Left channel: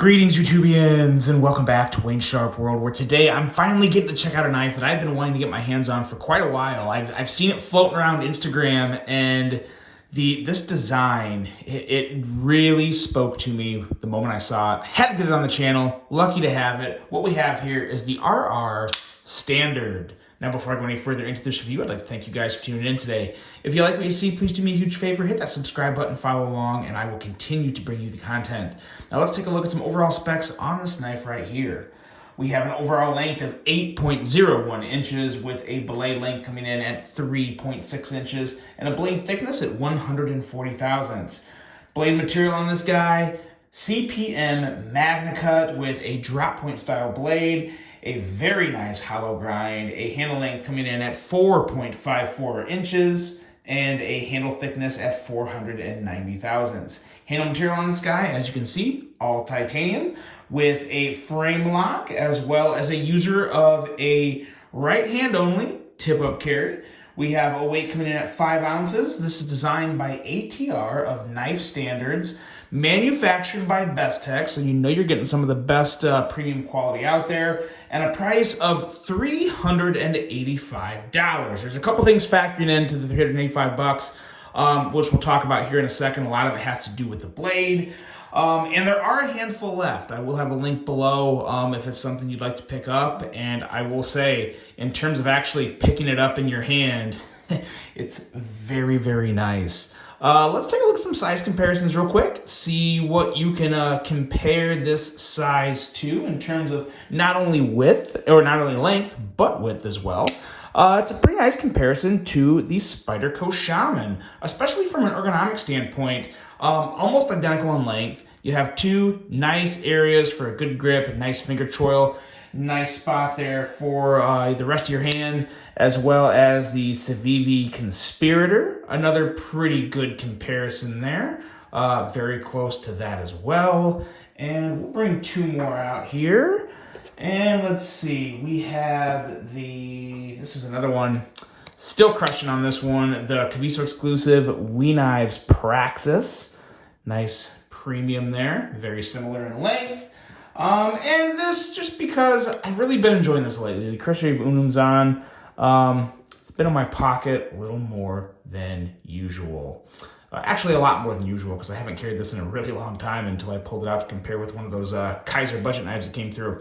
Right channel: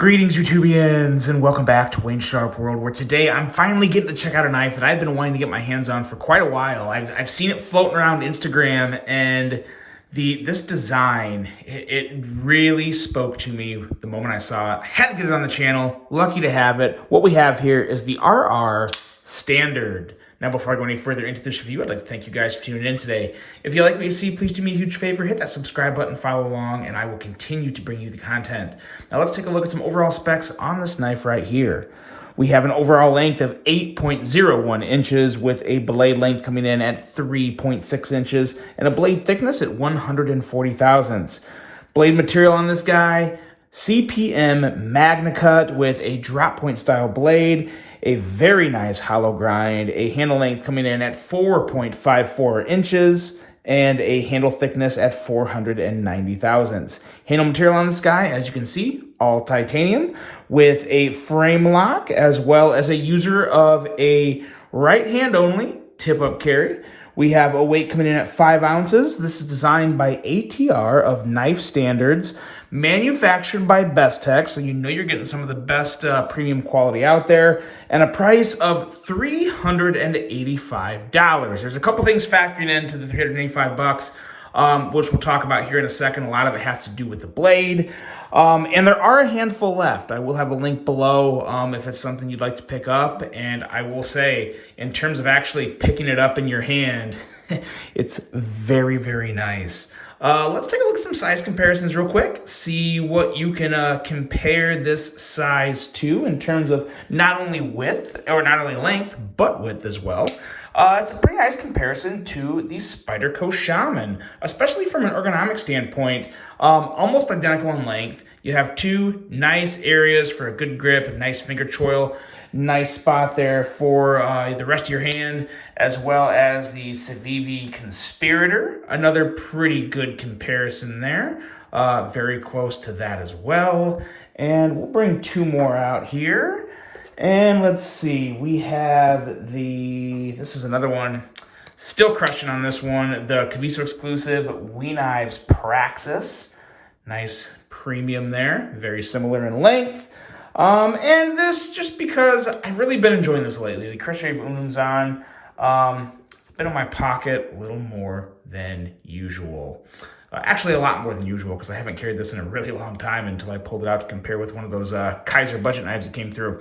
Greetings, YouTubians, and welcome back to Wayne Sharp World, where today I'm finally getting to check out a knife that I've been wanting to get my hands on for quite a while. I've seen it floating around Instagram, and this design, it really spoke to me the moment I saw it. I had to get it on the channel. Lucky to have it. What we have here is the RR Standard. Now, before I go any further into this review, I'd like to thank you guys for tuning in today. If you like what you see, please do me a huge favor, hit that subscribe button, follow along, and I will continue to bring you the content. Now, let's take a look at some overall specs on this knife right here. We have an overall length of 8.01 inches with a blade length coming in at 3.6 inches and a blade thickness at 140 thousandths. Blade material on this guy, CPM MAGNACUT with a drop point style blade, a very nice hollow grind, a handle length coming in at 4.54 inches, and a handle thickness at 490 thousandths. Handle material on this guy, as you can see, all titanium, with a frame lock, as well as a user of a right hand only tip-up carry. We have a weight coming in at 5 ounces. This is designed by ATR of Knife Standards, manufactured by Bestech, so you know you're getting some of the best premium quality out there, and a price of $385. There's a couple things factoring into the $385, which we'll talk about here in a second. A lot of it has to do with the blade. And there are a handful left. I will have a link below if it's something you'd like to pick up. And I will say, in terms of actually picking it up in your hand, it's very, very nice. Let's take a look at some size comparisons real quick. See what you can compare this size to in terms of not only width, or not only length, but width as well. It's a pretty nice comparison to the Spyderco Shaman, especially from an ergonomic standpoint. Almost identical in length. You have two nice areas for a good grip, a nice finger choil, nice spot there for the rest of your hand, as well as the Civivi Conspirator. Another pretty good comparison there. Very close to that as well. And we'll bring two more out here. And let's see, we have this is another one, still crushing on this one, the Caviso exclusive We Knives Praxis. Nice premium there, very similar in length. And this, just because I've really been enjoying this lately, the Cursory of Unzan, it's been in my pocket a little more than usual. Actually, a lot more than usual, because I haven't carried this in a really long time until I pulled it out to compare with one of those Kaiser budget knives that came through.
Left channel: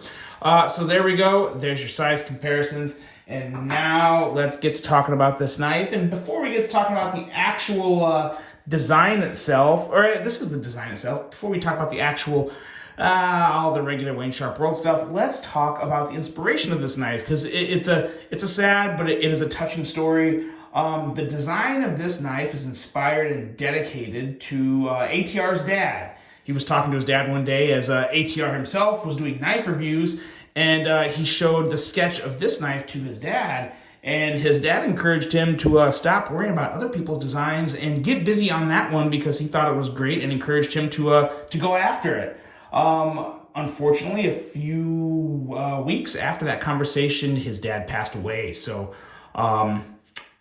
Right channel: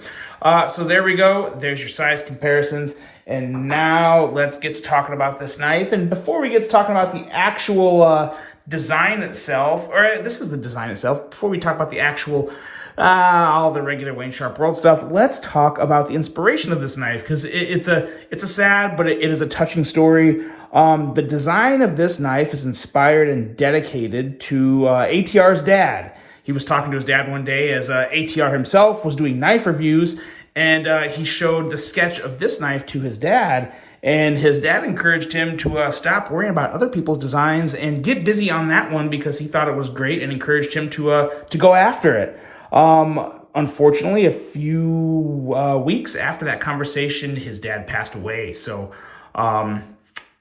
So there we go. There's your size comparisons. And now let's get to talking about this knife. And before we get to talking about the actual design itself, or this is the design itself, before we talk about the actual all the regular Wayne Sharp World stuff, let's talk about the inspiration of this knife, because it's a sad, but it is a touching story. The design of this knife is inspired and dedicated to ATR's dad. He was talking to his dad one day as ATR himself was doing knife reviews, and he showed the sketch of this knife to his dad, and his dad encouraged him to stop worrying about other people's designs and get busy on that one, because he thought it was great, and encouraged him to go after it. Unfortunately, a few weeks after that conversation, his dad passed away. So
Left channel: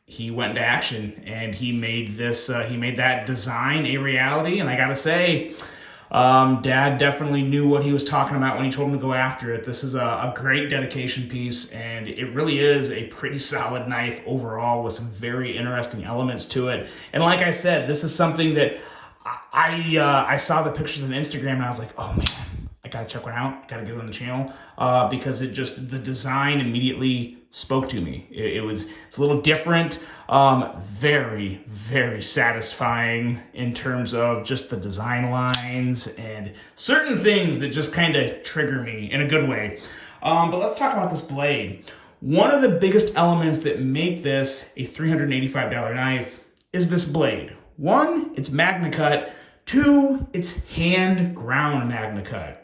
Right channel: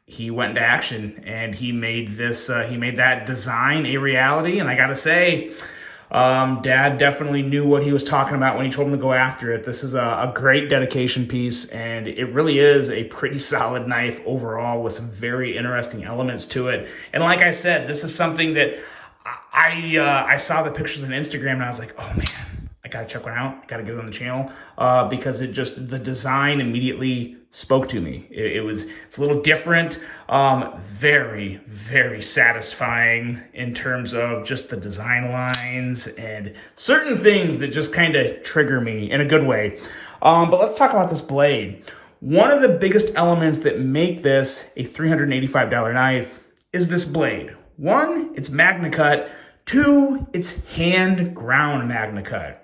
he went into action, and he made that design a reality. And I gotta say, Dad definitely knew what he was talking about when he told him to go after it. This is a great dedication piece, and it really is a pretty solid knife overall, with some very interesting elements to it. And like I said, this is something that I saw the pictures on Instagram, and I was like, oh man, I gotta check one out. I gotta get it on the channel, because the design immediately spoke to me. It's a little different, very, very satisfying in terms of just the design lines and certain things that just kind of trigger me in a good way. But let's talk about this blade. One of the biggest elements that make this a $385 knife is this blade. One, it's MAGNACUT. Two, it's hand ground MAGNACUT.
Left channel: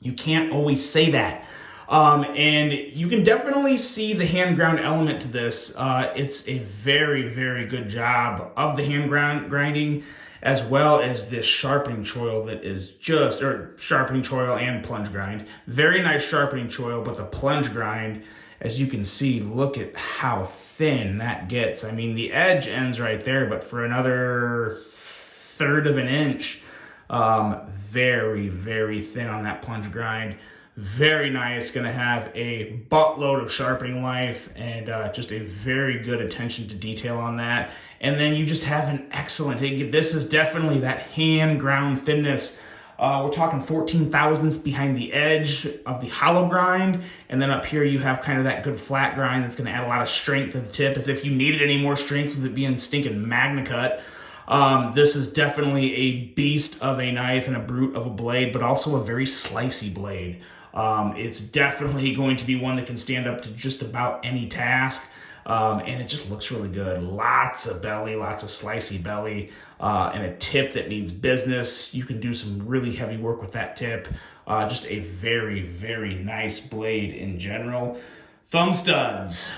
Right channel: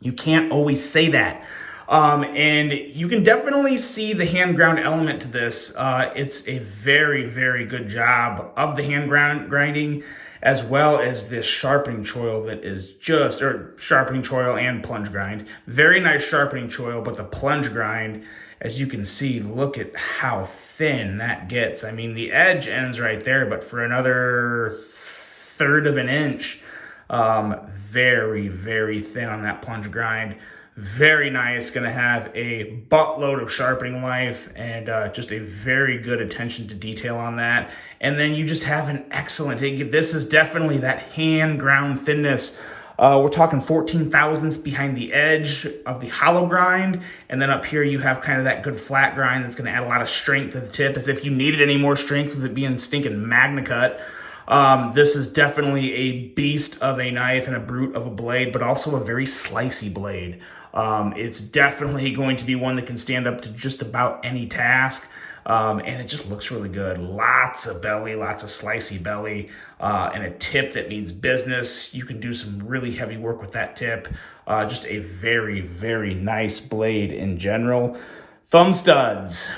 You can't always say that. And you can definitely see the hand ground element to this. It's a very, very good job of the hand grinding, as well as this sharpening choil that is sharpening choil and plunge grind. Very nice sharpening choil, but the plunge grind, as you can see, look at how thin that gets. I mean, the edge ends right there, but for another 1/3 of an inch, Very, very thin on that plunge grind. Very nice. Going to have a buttload of sharpening life and just a very good attention to detail on that. And then you just have an excellent, this is definitely that hand ground thinness. We're talking 14 thousandths behind the edge of the hollow grind. And then up here you have kind of that good flat grind that's going to add a lot of strength to the tip, as if you needed any more strength with it being stinking MAGNACUT. This is definitely a beast of a knife and a brute of a blade, but also a very slicey blade. It's definitely going to be one that can stand up to just about any task. And it just looks really good. Lots of belly, lots of slicey belly, and a tip that means business. You can do some really heavy work with that tip. Just a very, very nice blade in general. Thumb studs.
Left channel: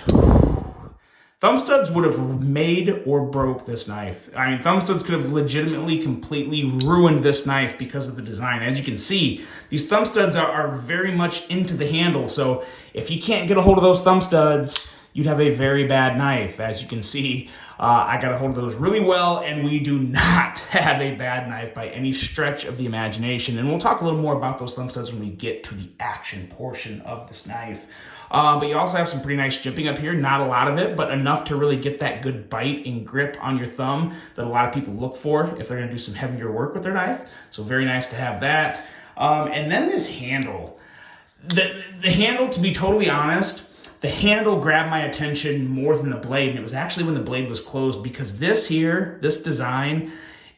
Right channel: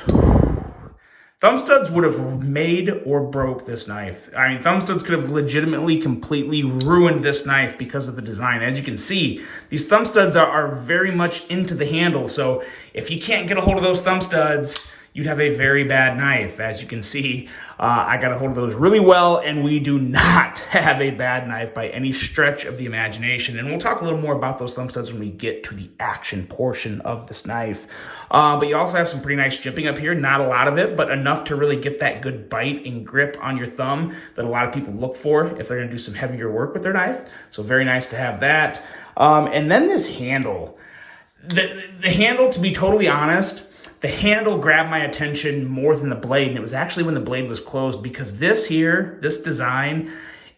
Thumb studs would have made or broke this knife. I mean, thumb studs could have legitimately, completely ruined this knife because of the design. As you can see, these thumb studs are very much into the handle. So if you can't get a hold of those thumb studs, you'd have a very bad knife. As you can see, I got a hold of those really well, and we do not have a bad knife by any stretch of the imagination. And we'll talk a little more about those thumb studs when we get to the action portion of this knife. But you also have some pretty nice jimping up here. Not a lot of it, but enough to really get that good bite and grip on your thumb that a lot of people look for if they're gonna do some heavier work with their knife. So very nice to have that. And then this handle. The handle, to be totally honest, the handle grabbed my attention more than the blade, and it was actually when the blade was closed, because this design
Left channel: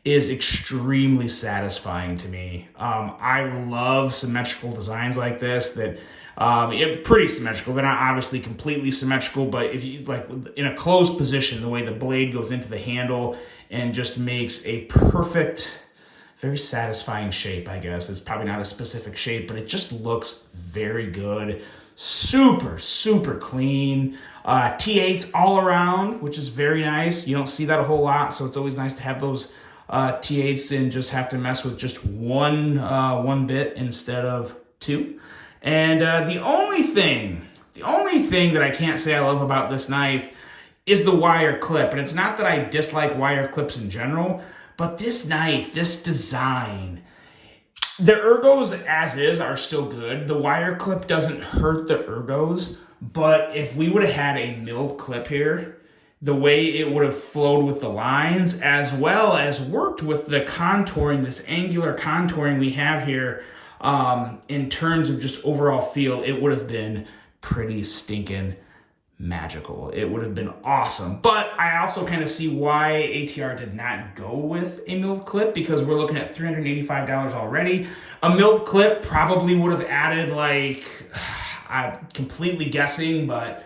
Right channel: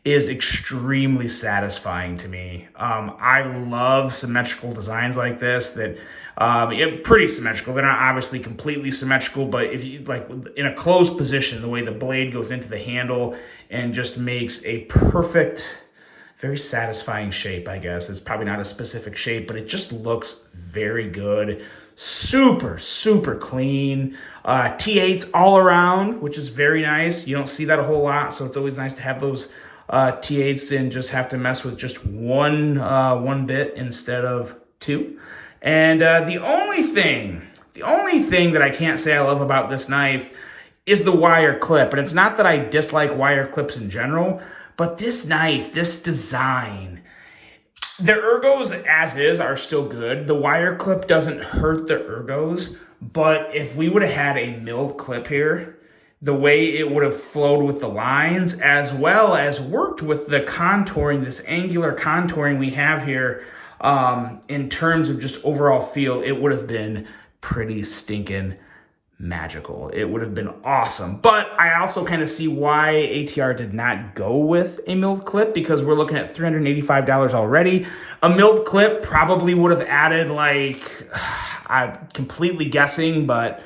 is extremely satisfying to me. I love symmetrical designs like this that pretty symmetrical. They're not obviously completely symmetrical, but if you like in a closed position, the way the blade goes into the handle and just makes a perfect, very satisfying shape, I guess. It's probably not a specific shape, but it just looks very good. Super, super clean. T8s all around, which is very nice. You don't see that a whole lot, so it's always nice to have those T8s and just have to mess with just one bit instead of two. And the only thing that I can't say I love about this knife is the wire clip. And it's not that I dislike wire clips in general, but this knife, this design, the ergos as is are still good. The wire clip doesn't hurt the ergos, but if we would have had a milled clip here, the way it would have flowed with the lines, as well as worked with the contouring, this angular contouring we have here, in terms of just overall feel, it would have been pretty stinking magical. It would have been awesome. But I also kind of see why ATR did not go with a milled clip, because we're looking at $385 already. A milled clip probably would have added, like, I'm completely guessing, but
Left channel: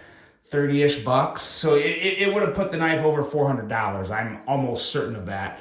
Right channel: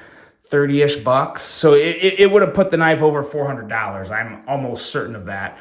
30-ish bucks. So it would have put the knife over $400. I'm almost certain of that.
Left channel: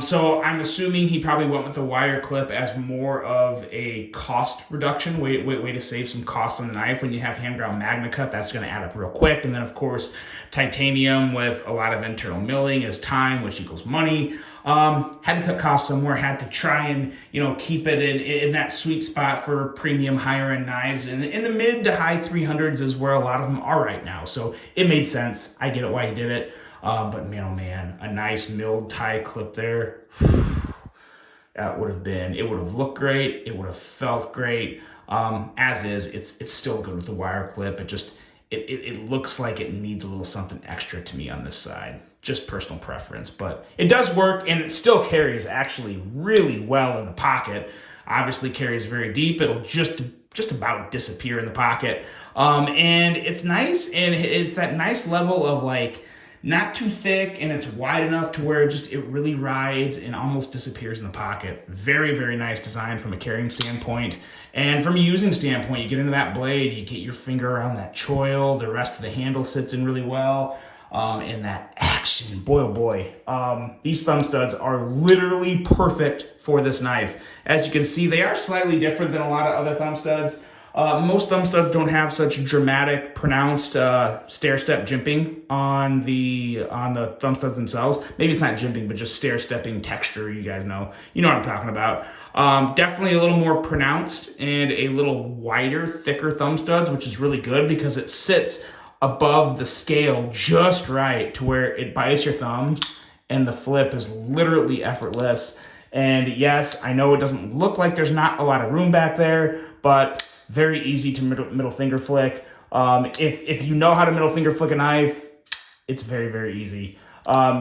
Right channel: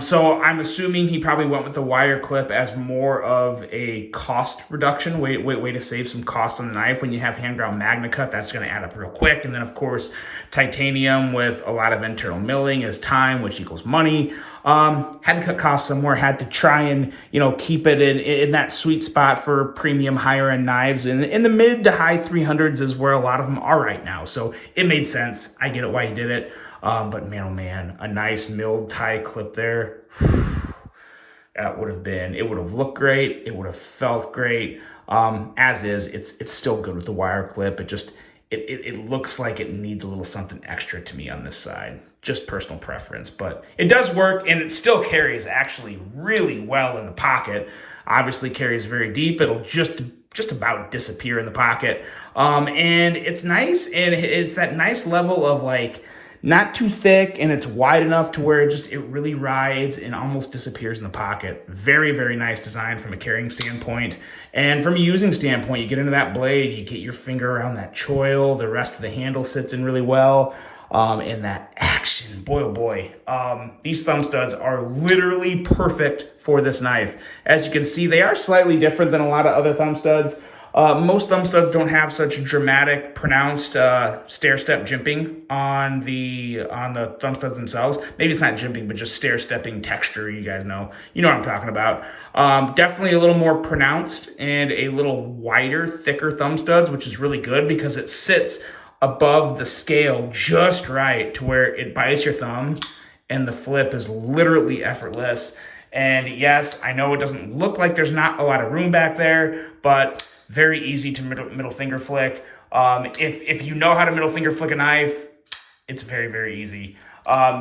So I'm assuming he probably went with the wire clip as more of a cost reduction, way to save some cost on the knife. When you have hand ground MAGNACUT, that's going to add up real quick. And then of course, titanium with a lot of internal milling is time, which equals money. Had to cut costs somewhere, had to try and, keep it in that sweet spot for premium higher end knives. And in the mid to high 300s is where a lot of them are right now. So it made sense. I get it why he did it. But man, oh man, a nice milled tie clip there. That would have looked great. It would have felt great. As is, it's still good with the wire clip. It looks like it needs a little something extra to me on this side. Just personal preference, but it does work, and it still carries actually really well in the pocket. Obviously carries very deep. It'll just about disappear in the pocket. And it's nice, and it's that nice level of like, not too thick, and it's wide enough to where it really rides and almost disappears in the pocket. Very, very nice design from a carrying standpoint. And from a using standpoint, you get into that blade, you get your finger around that choil, the rest of the handle sits in really well. And that action, boy, oh boy. These thumb studs are literally perfect for this knife. As you can see, they are slightly different than a lot of other thumb studs. Most thumb studs don't have such dramatic, pronounced stair-step jimping on the thumb studs themselves. Maybe it's not jimping, but just stair-stepping texture. You guys know what I'm talking about. Definitely a little more pronounced and a little wider, thicker thumb studs, which is really good because it sits above the scale just right to where it bites your thumb, and the flip is literally effortless. And yes, I know it doesn't look like there's not a lot of room back there, but very easy to middle finger flick. If you know how to middle finger flick a knife, it's very, very easy.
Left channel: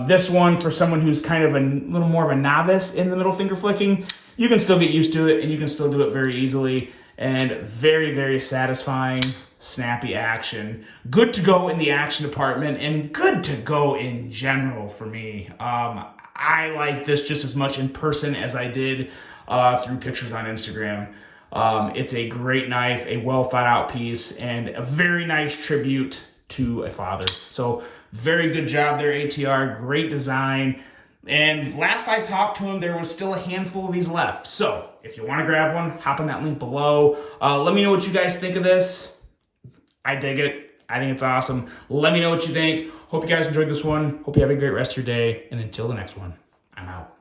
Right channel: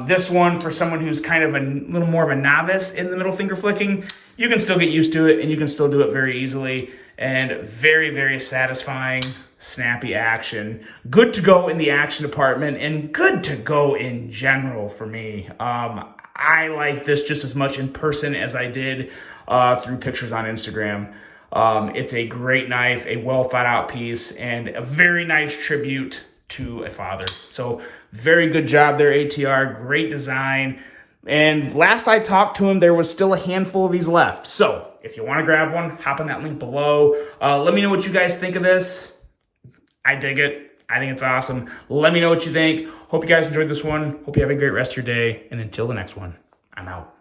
This one, for someone who's kind of a little more of a novice in the middle finger flicking, you can still get used to it, and you can still do it very easily, and very, very satisfying, snappy action. Good to go in the action department, and good to go in general for me. I like this just as much in person as I did through pictures on Instagram. It's a great knife, a well thought out piece, and a very nice tribute to a father. So very good job there, ATR. Great design. And last I talked to him, there was still a handful of these left. So if you want to grab one, hop on that link below. Let me know what you guys think of this. I dig it. I think it's awesome. Let me know what you think. Hope you guys enjoyed this one. Hope you have a great rest of your day. And until the next one, I'm out.